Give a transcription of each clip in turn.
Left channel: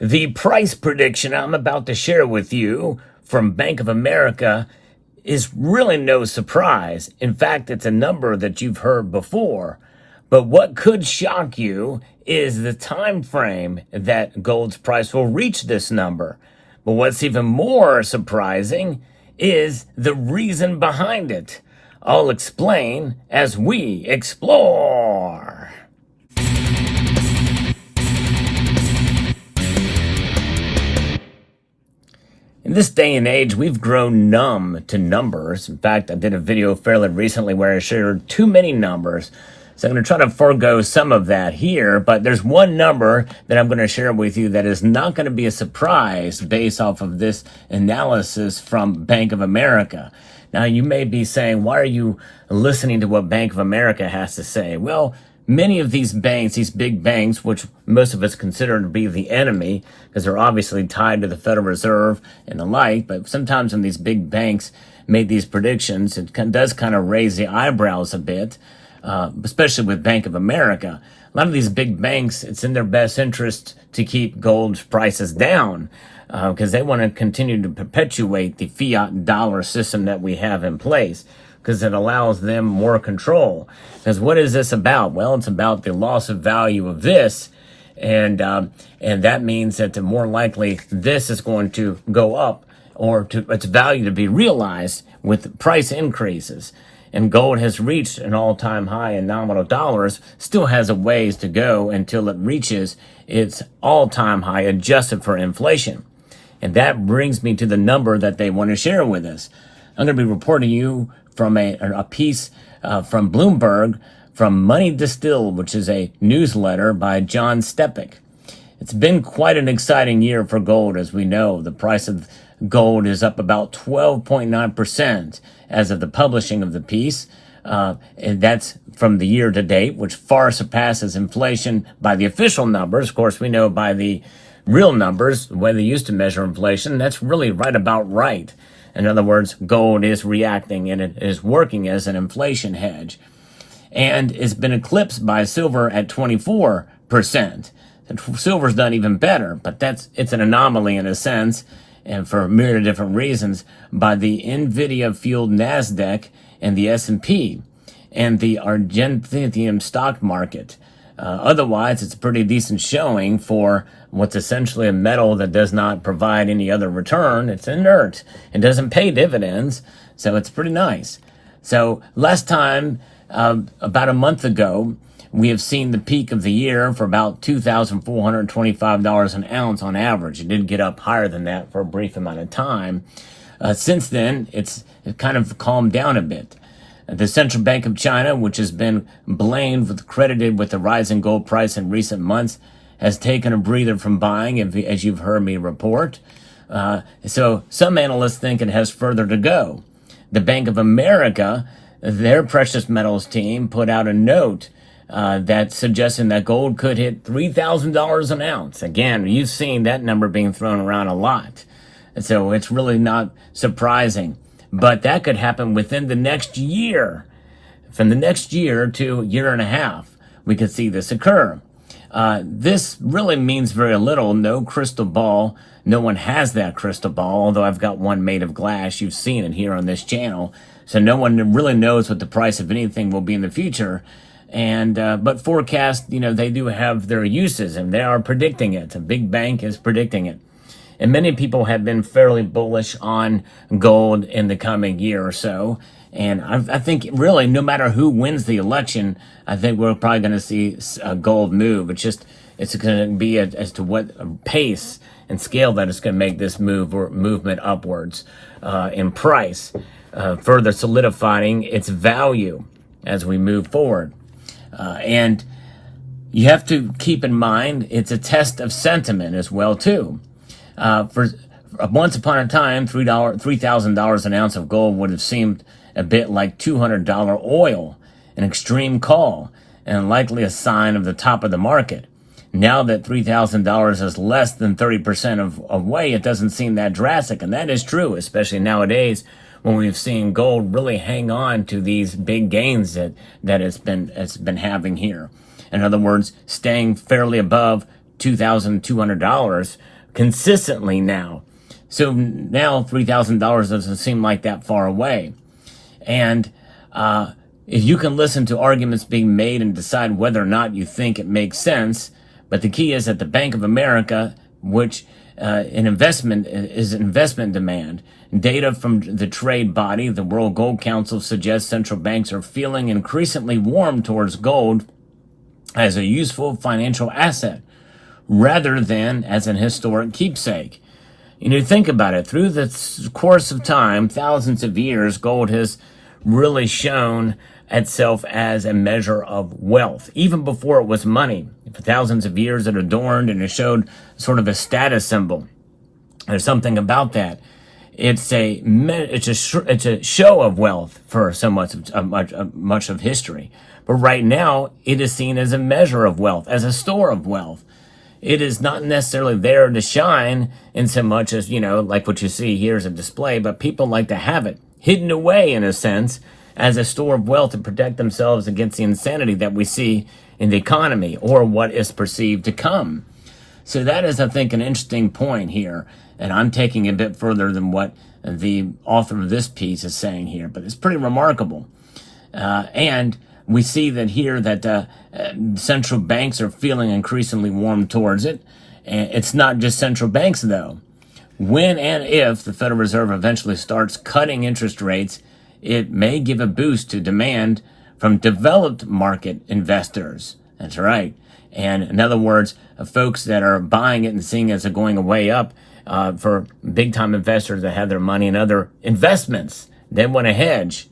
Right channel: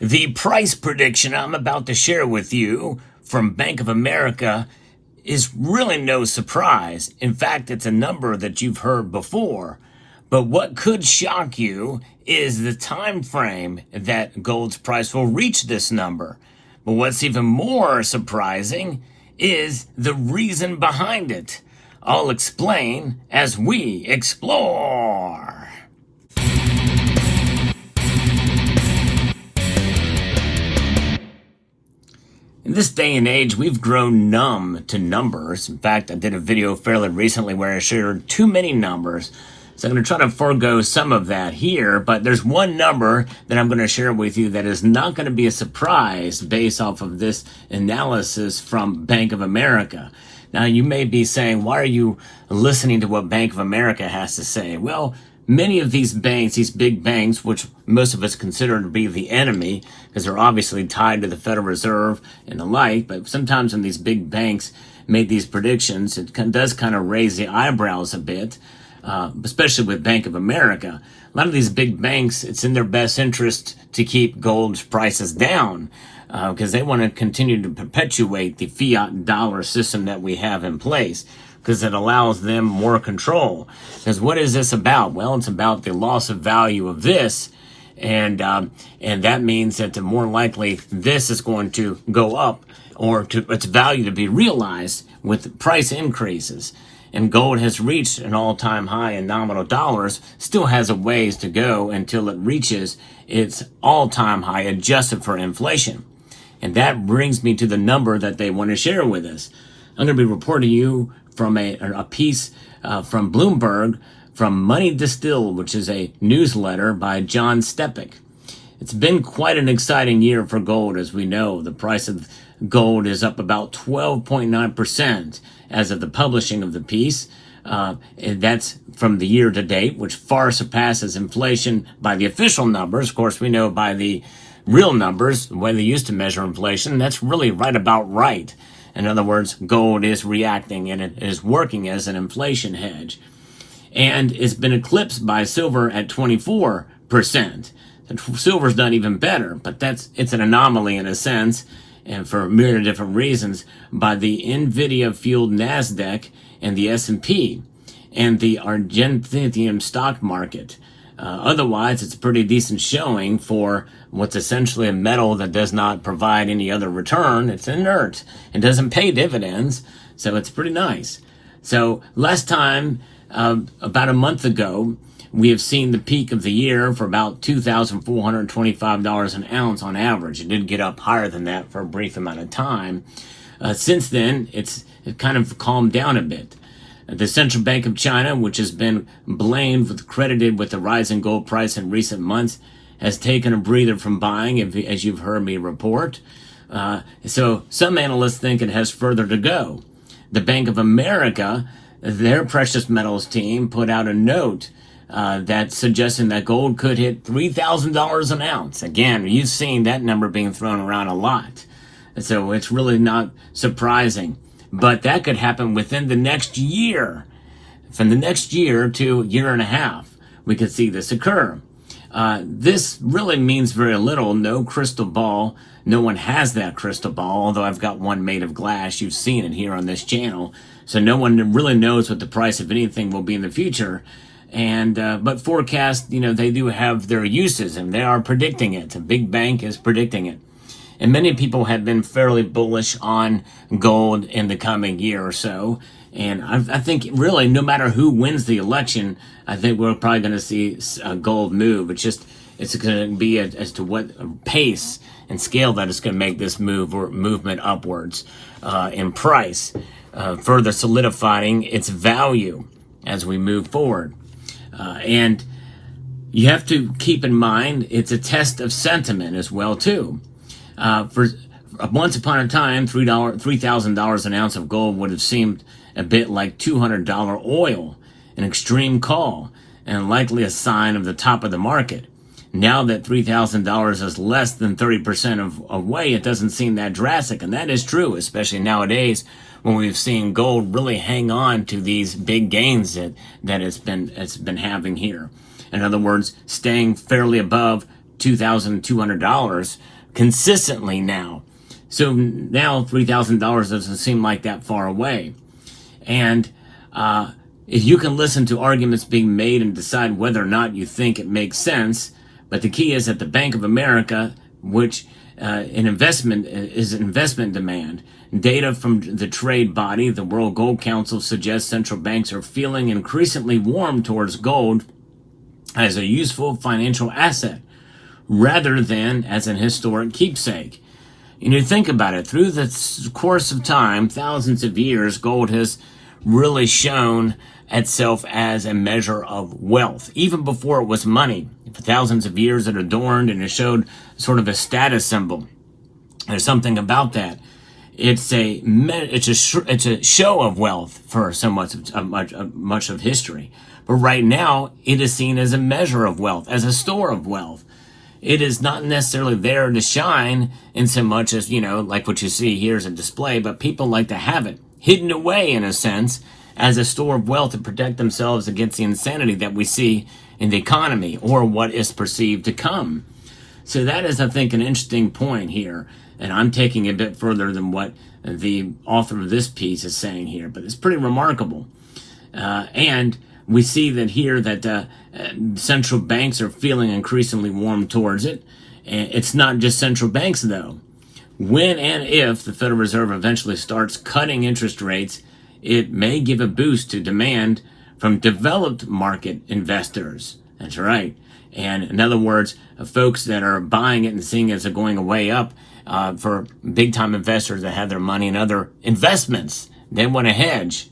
The price prediction I'm about to share with you from Bank of America is really no surprise. In fact, it's a number that you've heard before. But what could shock you is the time frame that gold's price will reach this number. But what's even more surprising is the reason behind it. I'll explain as we explore. In this day and age, we've grown numb to numbers. In fact, I did a video fairly recently where I shared too many numbers. So I'm going to try to forego some of that here, but there's one number that I'm going to share with you that is not going to be a surprise based off of this analysis from Bank of America. Now, you may be saying, why are you listening to what Bank of America has to say? Well, many of these banks, these big banks, which most of us consider to be the enemy, because they're obviously tied to the Federal Reserve and the like, but sometimes when these big banks make these predictions, it does kind of raise the eyebrows a bit, especially with Bank of America. A lot of these big banks, it's in their best interest to keep gold prices down, because they want to continue to perpetuate the fiat dollar system that we have in place, because it allows them more control. Because what is this about? Well, it's about the loss of value of this, and that means that the more likely this is going to go up, or to its value to be realized with price increases. And gold has reached an all-time high in nominal dollars, still has a ways to go until it reaches its all-time high adjusted for inflation. And that brings me to the number that they want to share with us. I'm going to be reporting you from a piece from Bloomberg from Money Distilled, which is a newsletter by John Stepik. It's been quite an exciting year for gold, as we know. The price of gold is up about 12.9% as of the publishing of the piece. And that's from the year to date, which far surpasses inflation by the official numbers. Of course, we know by the real numbers, the way they used to measure inflation, that's really right about right. In other words, gold is reacting and it is working as an inflation hedge. And it's been eclipsed by silver at 24%. And silver's done even better, but it's an anomaly in a sense, and for a myriad of different reasons, by the NVIDIA-fueled NASDAQ and the S&P and the Argentinian stock market. Otherwise, it's a pretty decent showing for what's essentially a metal that does not provide any other return. It's inert. It doesn't pay dividends, so it's pretty nice. So last time, about a month ago, we have seen the peak of the year for about $2,425 an ounce on average. It did get up higher than that for a brief amount of time. Since then, it kind of calmed down a bit. The Central Bank of China, which has been credited with the rise in gold price in recent months, has taken a breather from buying, as you've heard me report. So some analysts think it has further to go. The Bank of America, their precious metals team, put out a note that's suggesting that gold could hit $3,000 an ounce. Again, you've seen that number being thrown around a lot. So it's really not surprising. But that could happen within the next year. From the next year to year and a half, we could see this occur. This really means very little. No crystal ball. No one has that crystal ball, although I've got one made of glass. You've seen it here on this channel. So no one really knows what the price of anything will be in the future. And but forecasts, they do have their uses, and they are predicting it. A big bank is predicting it. And many people have been fairly bullish on gold in the coming year or so. And I think really, no matter who wins the election, I think we're probably going to see gold move. It's going to be as to what pace and scale that is going to make this movement upwards in price, further solidifying its value as we move forward. And you have to keep in mind, it's a test of sentiment as well, too. For once upon a time, $3,000 an ounce of gold would have seemed a bit like $200 oil, an extreme call, and likely a sign of the top of the market. Now that $3,000 is less than 30% of way, it doesn't seem that drastic, and that is true, especially nowadays when we've seen gold really hang on to these big gains that it's been having here. In other words, staying fairly above $2,200 consistently now. So now $3,000 doesn't seem like that far away. And if you can listen to arguments being made and decide whether or not you think it makes sense, but the key is that the Bank of America, which an investment is investment demand. Data from the trade body, the World Gold Council, suggests central banks are feeling increasingly warm towards gold as a useful financial asset rather than as an historic keepsake. You think about it, through the course of time, thousands of years, gold has really shown itself as a measure of wealth, even before it was money. For thousands of years it adorned and it showed sort of a status symbol. There's something about that. It's a show of wealth for so much of history. But right now, it is seen as a measure of wealth, as a store of wealth. It is not necessarily there to shine in so much as, like what you see here is a display, but people like to have it hidden away, in a sense, as a store of wealth to protect themselves against the insanity that we see in the economy or what is perceived to come. So that is, I think, an interesting point here. And I'm taking it a bit further than what the author of this piece is saying here, but it's pretty remarkable. And we see that here that central banks are feeling increasingly warm towards it. And it's not just central banks, though. When and if the Federal Reserve eventually starts cutting interest rates, it may give a boost to demand from developed market investors. That's right. And in other words, folks that are buying it and seeing it as going way up, for big-time investors that have their money in other investments, they want to hedge.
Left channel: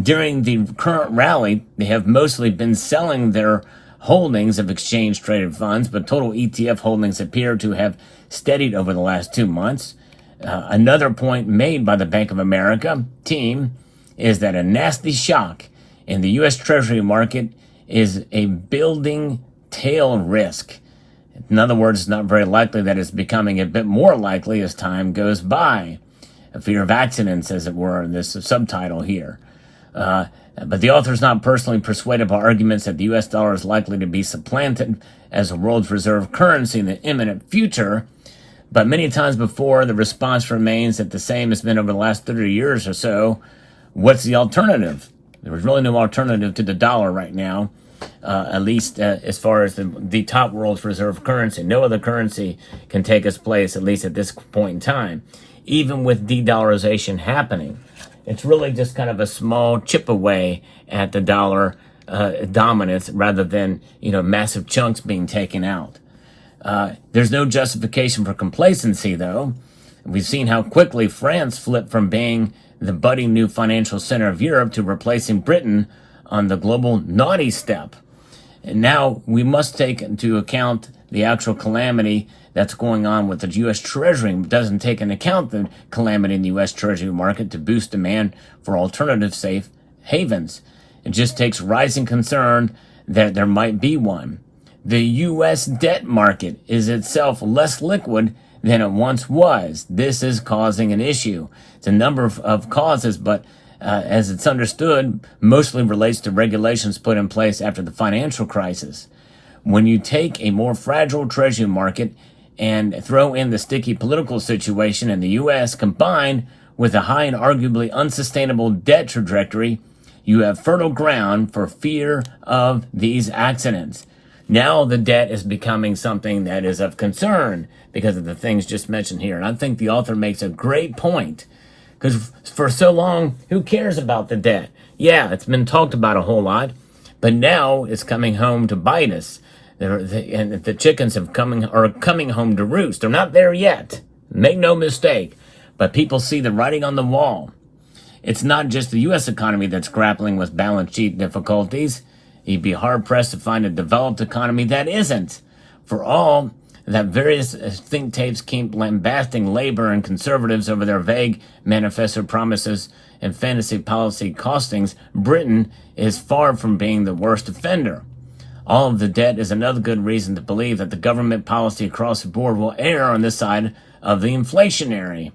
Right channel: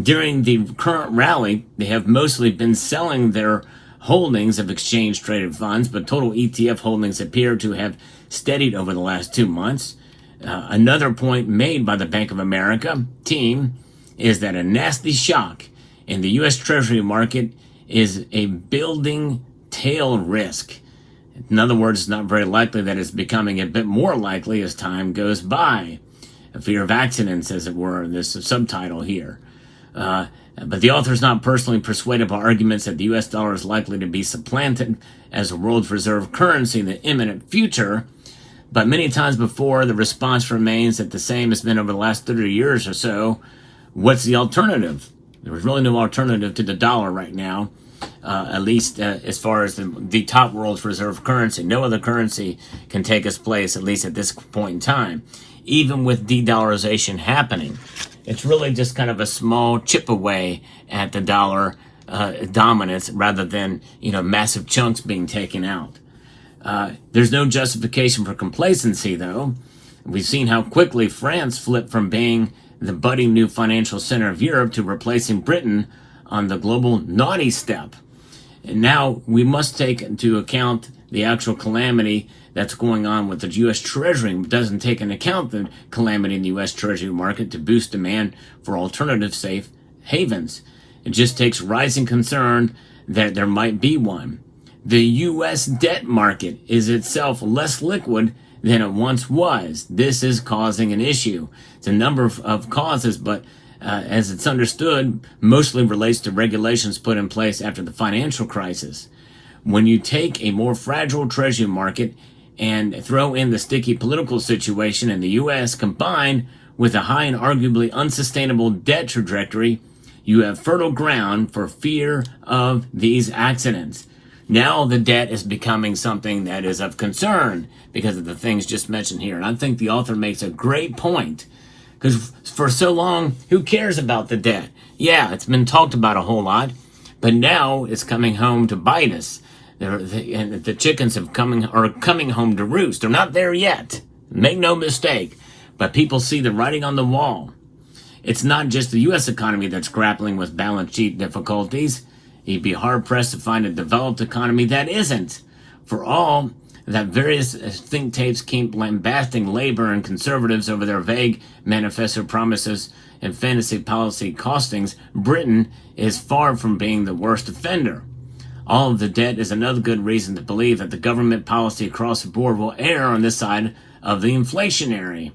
During the current rally, they have mostly been selling their holdings of exchange-traded funds, but total ETF holdings appear to have steadied over the last 2 months. Another point made by the Bank of America team is that a nasty shock in the U.S. Treasury market is a building tail risk. In other words, it's not very likely that it's becoming a bit more likely as time goes by. A fear of accidents, as it were, in this subtitle here. But the author is not personally persuaded by arguments that the U.S. dollar is likely to be supplanted as the world's reserve currency in the imminent future. But many times before, the response remains that the same has been over the last 30 years or so. What's the alternative? There's really no alternative to the dollar right now. At least as far as the top world's reserve currency. No other currency can take its place, at least at this point in time, even with de-dollarization happening. It's really just kind of a small chip away at the dollar dominance rather than, massive chunks being taken out. There's no justification for complacency, though. We've seen how quickly France flipped from being the budding new financial center of Europe to replacing Britain on the global naughty step. And now we must take into account the actual calamity that's going on with the U.S. Treasury. It doesn't take into account the calamity in the U.S. Treasury market to boost demand for alternative safe havens. It just takes rising concern that there might be one. The U.S. debt market is itself less liquid than it once was. This is causing an issue. It's a number of causes, but as it's understood, mostly relates to regulations put in place after the financial crisis. When you take a more fragile treasury market and throw in the sticky political situation in the U.S. combined with a high and arguably unsustainable debt trajectory, you have fertile ground for fear of these accidents. Now the debt is becoming something that is of concern because of the things just mentioned here. And I think the author makes a great point. Because for so long, who cares about the debt? Yeah, it's been talked about a whole lot, but now it's coming home to bite us. And the chickens are coming home to roost. They're not there yet. Make no mistake. But people see the writing on the wall. It's not just the U.S. economy that's grappling with balance sheet difficulties. You'd be hard-pressed to find a developed economy that isn't. For all that various think tanks keep lambasting labor and conservatives over their vague manifesto promises and fantasy policy costings, Britain is far from being the worst offender. All of the debt is another good reason to believe that the government policy across the board will err on this side of the inflationary.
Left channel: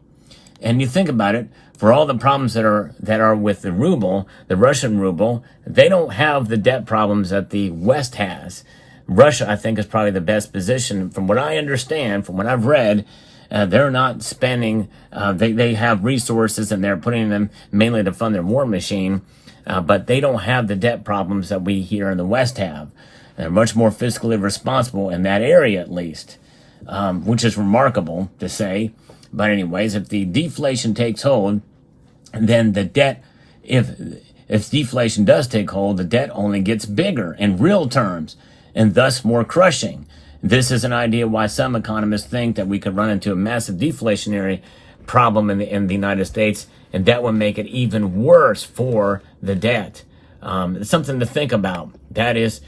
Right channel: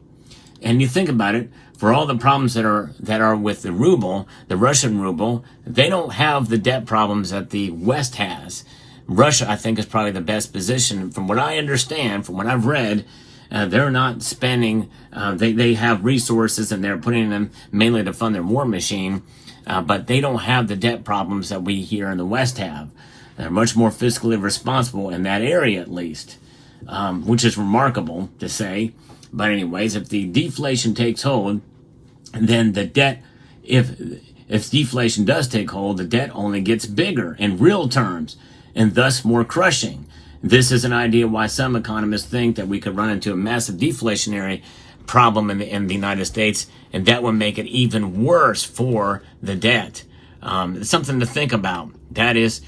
And you think about it, for all the problems that are with the ruble, the Russian ruble, they don't have the debt problems that the West has. Russia, I think, is probably the best position. From what I understand, from what I've read, they're not spending, they have resources and they're putting them mainly to fund their war machine, but they don't have the debt problems that we here in the West have. They're much more fiscally responsible in that area, at least, which is remarkable to say. But anyways, if the deflation takes hold, then the debt, if deflation does take hold, the debt only gets bigger in real terms and thus more crushing. This is an idea why some economists think that we could run into a massive deflationary problem in the United States, and that would make it even worse for the debt. It's something to think about. That is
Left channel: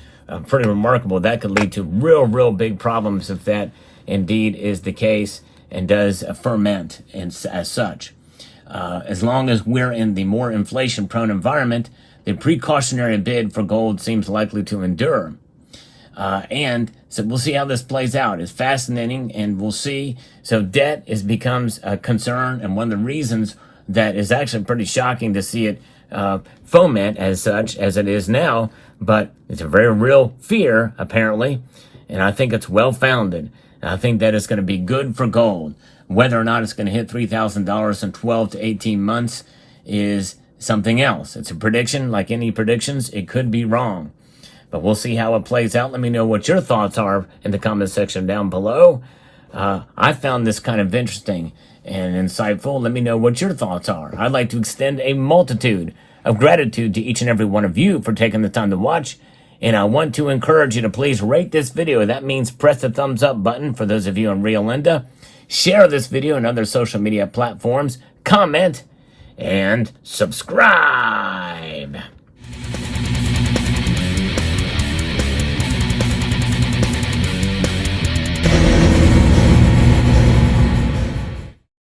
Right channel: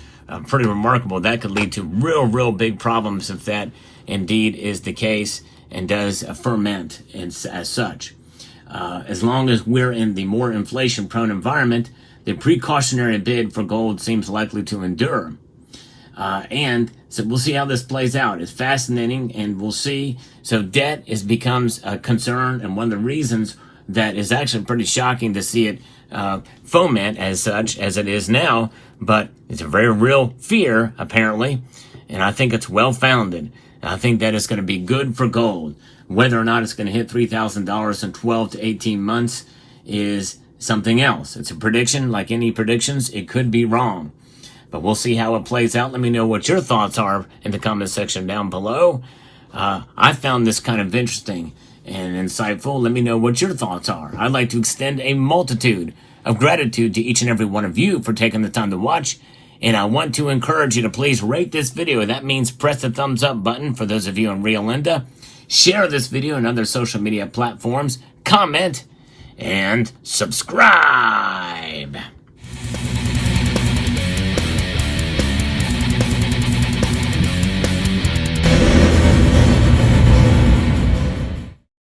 pretty remarkable. That could lead to real big problems if that indeed is the case and does ferment as such. As long as we're in the more inflation-prone environment, the precautionary bid for gold seems likely to endure. And so we'll see how this plays out. It's fascinating, and we'll see. So debt becomes a concern, and one of the reasons that is actually pretty shocking to see it foment as such as it is now, but it's a very real fear, apparently, and I think it's well-founded. And I think that it's going to be good for gold. Whether or not it's going to hit $3,000 in 12 to 18 months is something else. It's a prediction. Like any predictions, it could be wrong. But we'll see how it plays out. Let me know what your thoughts are in the comment section down below. I found this kind of interesting and insightful. Let me know what your thoughts are. I'd like to extend a multitude of gratitude to each and every one of you for taking the time to watch. And I want to encourage you to please rate this video. That means press the thumbs up button for those of you in Rio Linda. Share this video on other social media platforms. Comment and subscribe.